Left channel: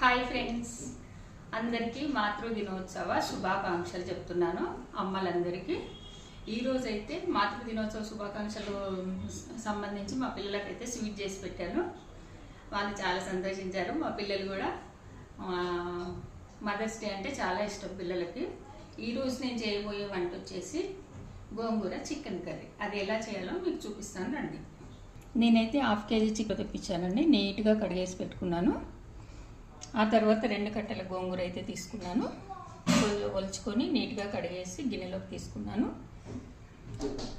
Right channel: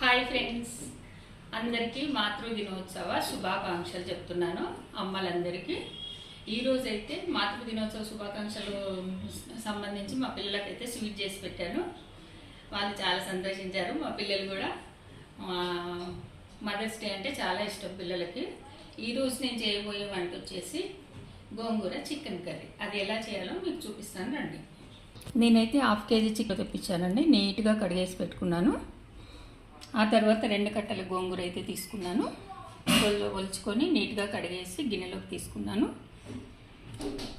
Hi friends. అందరికీ మాతృ దినోత్సవ శుభాకాంక్షలు చెప్తున్నాను అమ్మలందరికీ. ఈరోజు అయితే మాతృ దినోత్సవ శుభాకాంక్షలు సంబంధించి మా పిల్లలకైతే స్వీట్ చేసి పెట్టాను. వాళ్ళు చాలా సంతోషించారు. మా పిల్లలు కూడా మదర్స్ డే అంటే చాలా ఇష్టం పిల్లలకి. ఈరోజు నేను చేయబోయే వంట వచ్చేసి గోంగూర చికెన్ కర్రీ. అది ఎలా చేయాలో మీకు చూపిస్తాను రండి. నేనైతే హాఫ్ కేజీ చికెన్ తెప్పించానండి. నీట్గా కడిగేసి పెట్టుకున్నాను. ఆ తర్వాత రెండు కట్టల గోంగూర అయితే తీసుకున్నాను. ఒలుచుకొని నీట్గా కడిగేసి గిన్నెలోకి తీసుకున్నాను.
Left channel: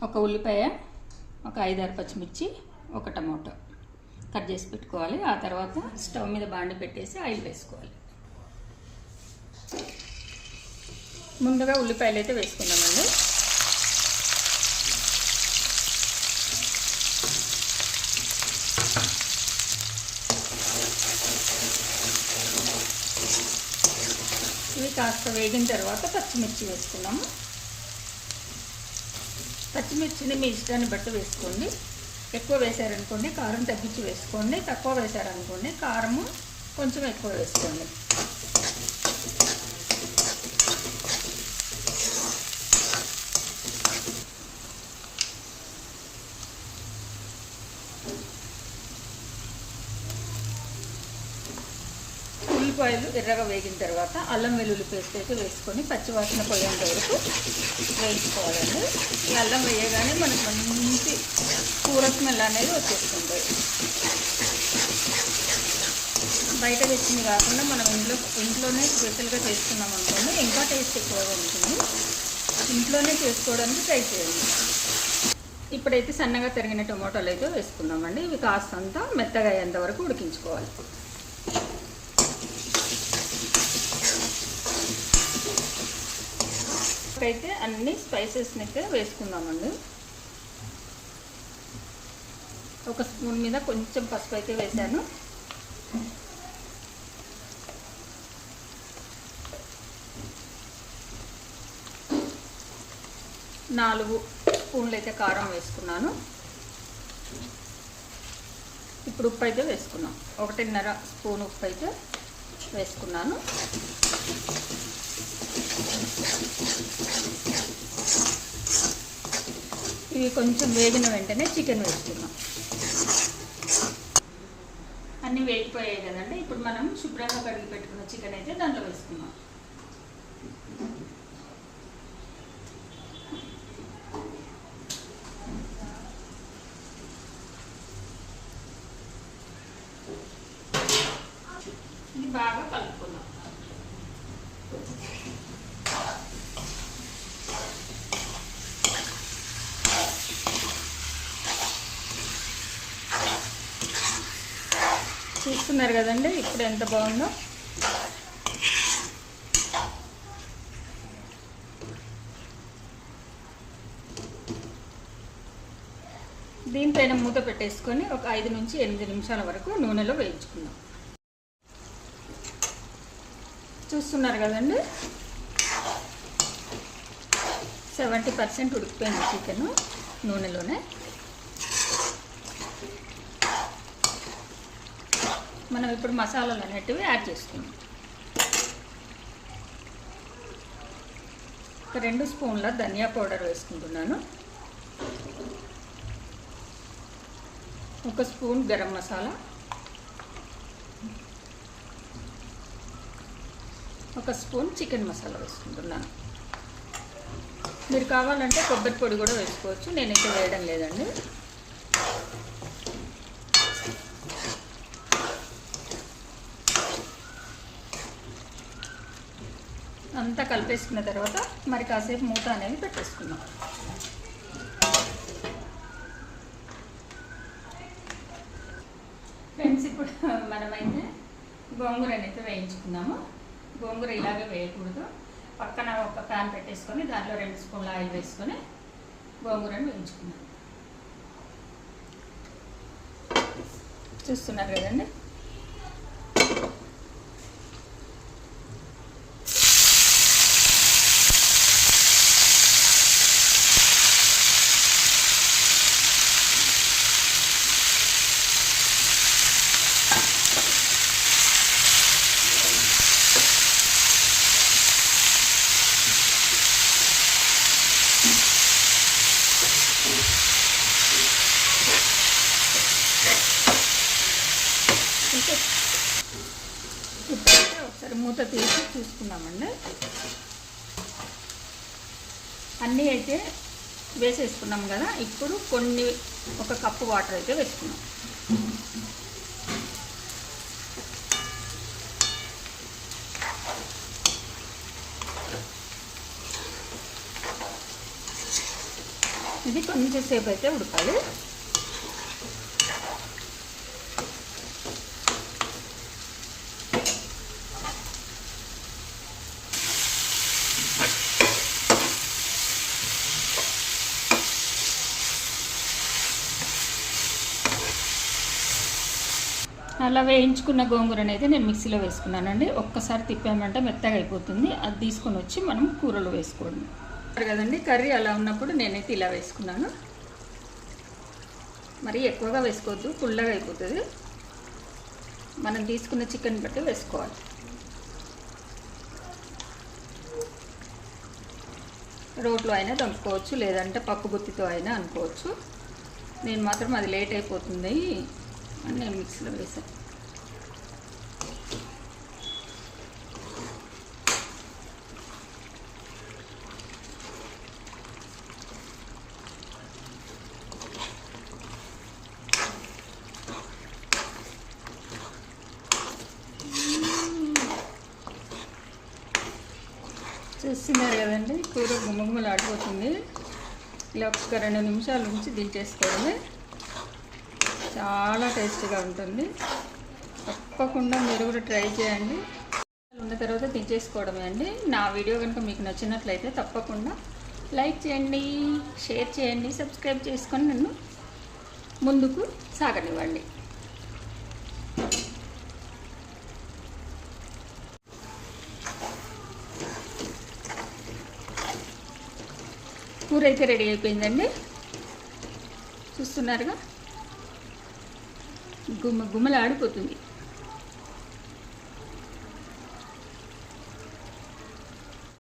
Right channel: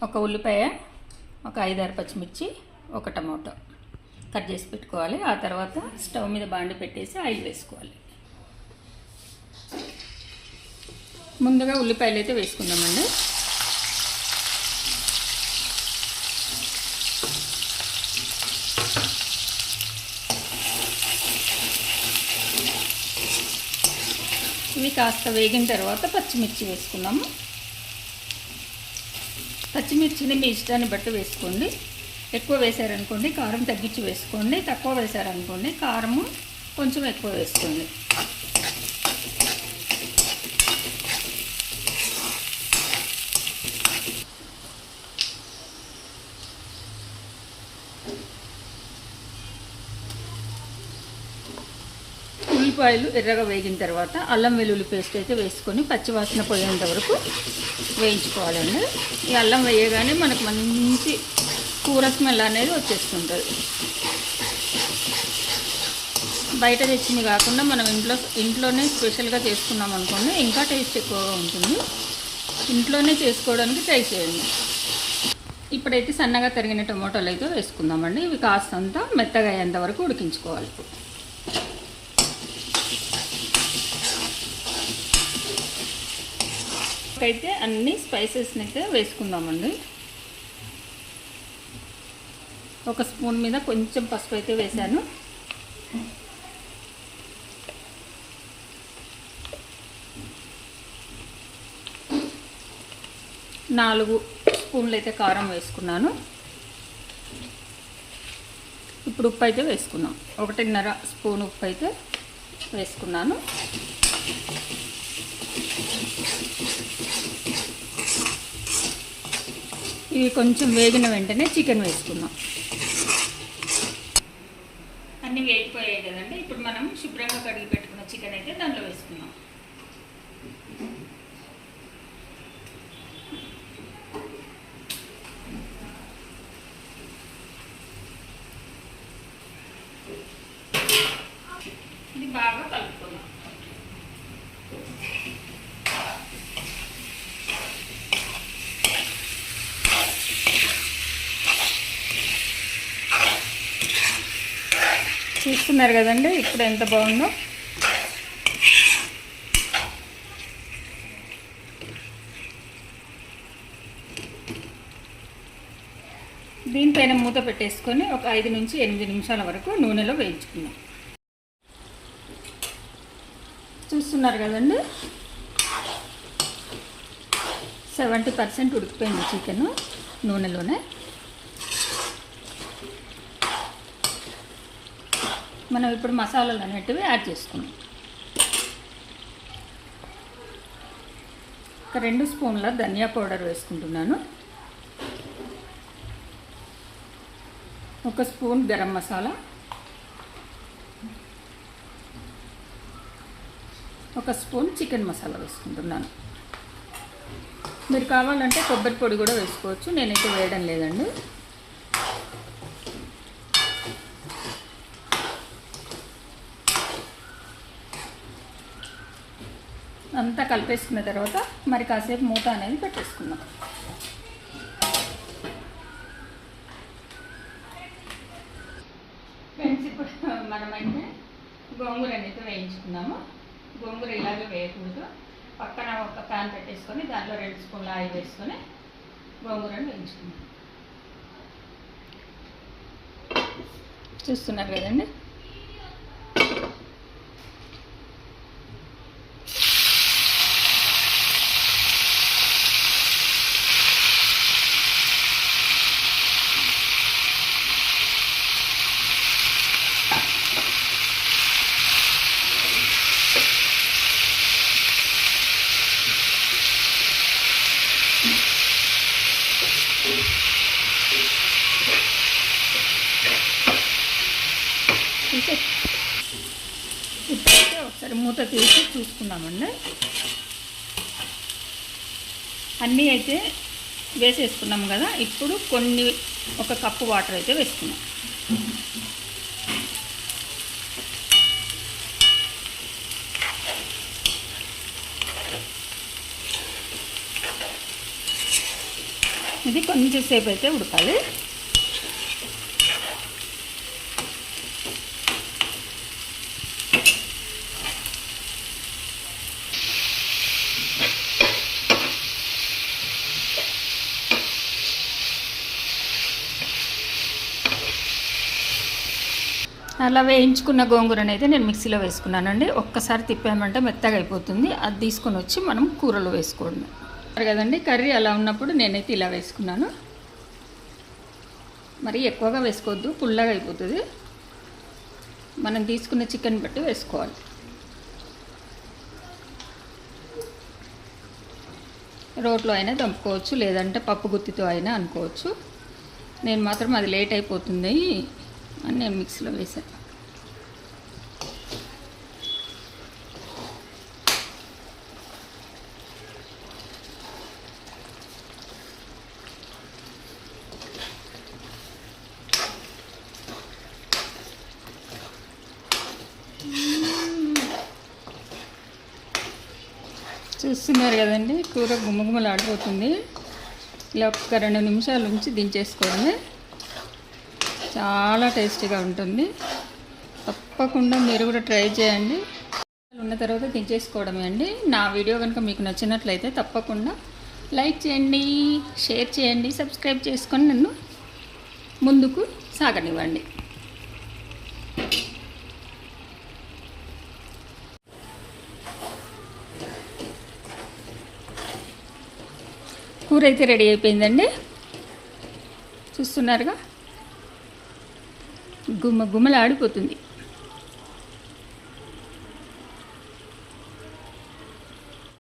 ఒక ఉల్లిపాయ ఒక ఐదారు పచ్చిమిర్చి ఒక టమాటో కట్ చేసి పెట్టుకోవాలి. ఆ తర్వాత స్టవ్ మీద బాండి పెట్టేసి ఆయిల్ వేసుకోవాలి. ముందుగా ఉల్లిపాయలు అయితే వేసుకున్నామండి ఇవి కాస్త వేగిన తర్వాత పచ్చిమిర్చి వేసుకున్నాము. పచ్చిమిర్చిని మీ ఇష్టాన్ని బట్టి వేసుకోండి. ఎక్కువ వేశారనుకోండి కారం తగ్గించి వేసుకోండి. తక్కువ వేశారనుకోండి కారము కొంచెం ఎక్కువ వేసుకోండి. ఉల్లిపాయలు ఎర్రగా వేగిన తర్వాత అల్లం వెల్లుల్లి పేస్ట్ అయితే వేసుకొని పచ్చివాసన పోయేంత వరకు వేయించుకోవాలండి. ఈ అల్లం వేయగానే మనకు మంచి కూర స్మెల్ అనేది వచ్చేస్తుంటుంది బయట తెచ్చింది కాకుండా మనం ఇంట్లో ఇంట్లోనే స్పెషల్గా చేసుకున్నాం అనుకోండి ఇంకా టేస్ట్ ఎక్కువగా ఉంటుంది. ఇంట్లోనే చేసుకోవడానికి ట్రై చేయండి. ఇప్పుడైతే సన్నగా తరిగిన టమాటాలు అయితే వేసుకుందామండి. ఇవి కాస్తంత మెత్తగా అయ్యేంత వరకు ఉడికించుకోవాలి. అయితే అన్ని స్పైసెస్ని అయితే వేసుకుందామండి. ఒక స్పూన్ మీద కొంచెం పసుపు అయితే వేశాను. నాలుగు స్పూన్లు అయితే కారం వేసుకున్నాను. ఇప్పుడు ఉప్పు అయితే వేసుకున్నాం. ఒకటిన్నర స్పూన్ ఉప్పు అయితే వేసుకున్నాను. ఇవి కొంచెం వేగిన వెంటనే చికెన్ వేసుకుందాం. అన్నీ వేగిపోయాయి కదండి. ఇప్పుడు మనం శుభ్రంగా కడిగి పెట్టుకున్న చికెన్ అయితే దాంట్లో వేసుకుందాం. చూస్తున్నారు కదండి ఇప్పుడు ఎంత బాగుందో. దీనిపైన మూత పెట్టేసుకొని ఒక ఐదు నుంచి ఎనిమిది నిమిషాల వరకు నూనెలో వేయించుకుందాం. చూస్తున్నారు కదండి? సెవెంటీ పర్సెంట్ ఉడికిపోయింది చికెన్ నూనెలోనే. మనం ఇప్పుడు మసాలాలు అనేటివి యాడ్ చేసుకుందాం. ఒక రెండు స్పూన్ల ధనియా పౌడర్ వేసుకుంటున్నాను. ఒక స్పూన్ గరం మసాలా. ఒక స్పూన్ చికెన్ మసాలా వేసుకుంటున్నాను. మీరు కావాలంటే కొబ్బరి పొడి కూడా వేసుకోవచ్చు. నేనైతే వేయడం లేదండి. అంతా కలిపేసుకున్న తర్వాత మరి కాసేపు మూత అనేది పెట్టేసుకుందాం. ఫ్రెండ్స్ ఇప్పుడు మనమైతే గోంగూర అనేది వేయించుకున్నాము గోంగూర ఇలాగే వేయకూడదు. పక్కన ఒక ప్యాన్ పెట్టేసుకొని దాంట్లో రెండు స్పూన్ల ఆయిల్ వేసుకొని గోంగూరను వేయించుకున్నాం చూస్తున్నారు కదండి? ఇప్పుడైతే ఒకసారి మూత తీసి చూసుకున్నామండి అన్నీ అయితే వేసేసుకున్నాం కదా ఇప్పుడు కొన్ని ఒక కప్పు వాటర్ అయితే వేసుకున్నాం ఇది కొంచెం సేపు అయితే ఉడకాలి. అలా వేయించుకున్న గోంగూరని అయితే నేను మిక్సీలో వేసుకున్నానండి. ఒక్కసారి తిప్పామంటే మెత్తగా అయిపోతుంది. అది తీసుకొని వచ్చి మనం కూరలో వేసుకోండి. కదండి కర్రీ అలా ఉన్నప్పుడు నేనైతే ఇలా వేసుకున్నాను. మరి ఎక్కువగా వేసుకోవద్దు పుల్లగా అయిపోతుంది. మనం తీసుకున్న చికెన్ బట్టి వేసుకోవాలి. రోట్లో అయినా చంపుకోవచ్చు లేదంటే పప్పు గుత్తితో అయినా అనుకోవచ్చు. నేను మాత్రం అది లేట్ అయిపోతుంది. అని నేను మిక్సీలో వేసాను చూస్తున్నారు కదండి కూర గుమ్మగుమ్మలు ఆడిపోతుంది ఇలా ఒక రెండు నిమిషాల నుంచి దించేసుకోవాలి. చాలా టేస్టీగా ఉంటుంది. తప్పకుండా మీరు కూడా ట్రై చేయండి. ఉన్న తర్వాత దించేసుకోవడమే అండి. నా వీడియో కనుక మీకు నచ్చినట్లయితే తప్పకుండా లైక్ చేయండి షేర్ చేయండి సబ్స్క్రైబ్ చేసుకొని నన్ను ముందుకు సాగనివ్వండి. కూర అయితే రెడీ అయిపోయిందండి. చూస్తున్నారుగా? గుమ్మ గుమ్మలాడిపోతుంది